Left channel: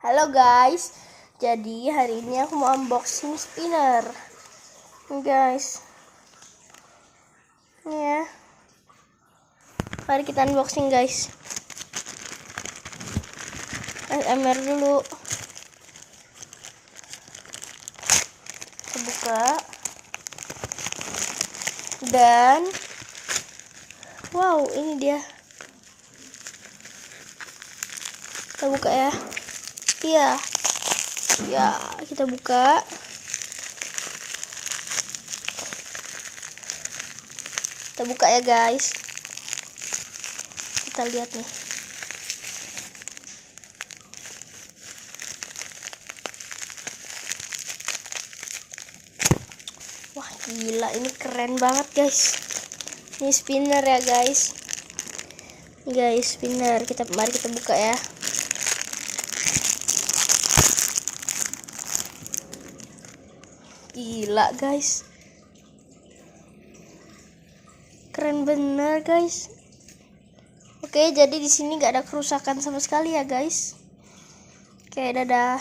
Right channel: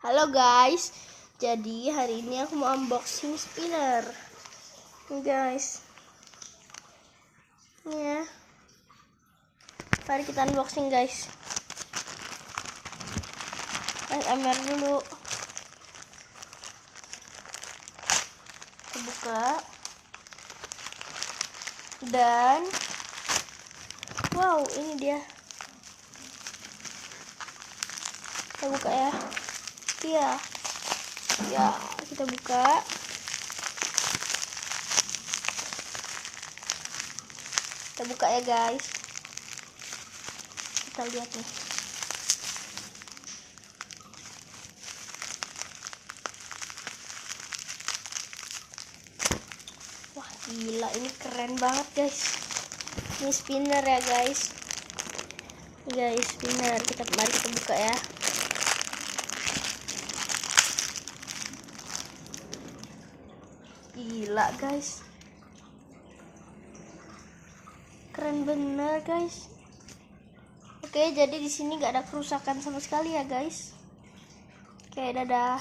Halo guys, jadi hari ini aku mau unboxing spinner nih guys. Ini ya, mari kita unboxing guys. ASMR dulu. Kita buka dan wow, ini dia. Kita buka ya. Iya, kita buka. Kita buka ya guys. Kita lihat nih. Wah gila, ini keren banget guys. Ini spinner ya guys. Guys, spinner. Mari kita buka ya. Gila guys, keren bener guys. Oke, jadi di sini nggak ada kerusakan sama sekali ya guys. Oke, dadah.